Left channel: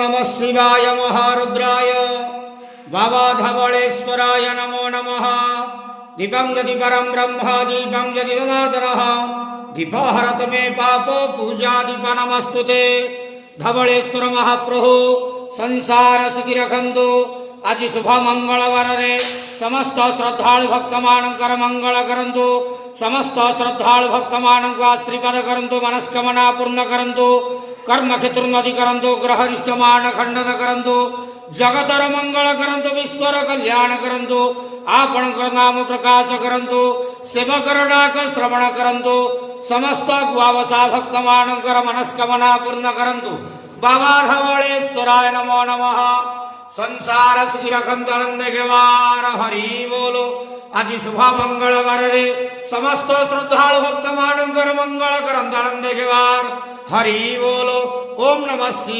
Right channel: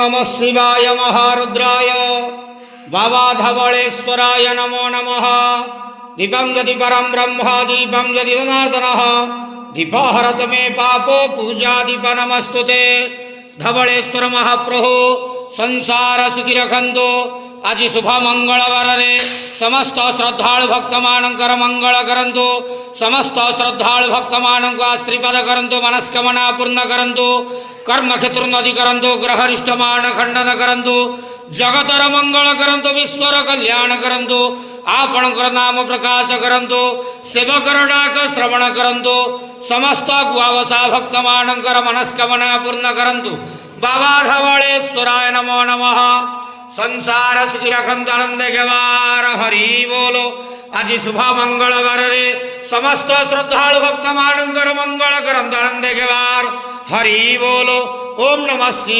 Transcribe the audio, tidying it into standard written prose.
नमः शिवाय महारुद्राय बाबा धवलेश्वराय नमो नमः। दीपं यदि परं ब्रह्म दीपं यदि जनार्दनः दीपहरत मे पापो पूजा दीप नमस्तुते। धवलेश्वर महाप्रभु संसार सुखी रखंतु। आज शुभ मंगलवार रे समस्त श्रद्धालु भक्त मानकर मंगल करंतु। समस्त श्रद्धालु भक्त मान को आशीर्वाद करंतु। मनस्कामना पूर्ण करंतु। कर्म क्षेत्रोन्नति करंतु। ग्रहरिष्ट मान खंडन करंतु। जगतर मंगल करंतु। विश्वर कल्याण करंतु। आपणकर नाम प्रकाश करंतु। सेवकर डाक श्रवण करंतु। समस्त गुआवसा भक्त मानकर मनस्कामना पूर्ण करंतु। बाबा धवलेश्वराय नमो नमः। संसार सुखी रखंतु आनंद गेवार हरि बोलो। आज शुभ मंगलवार रे समस्त श्रद्धालु भक्त मानकर मंगल करंतु आनंद गेवार हरि बोलो। ओम नमः शिवाय।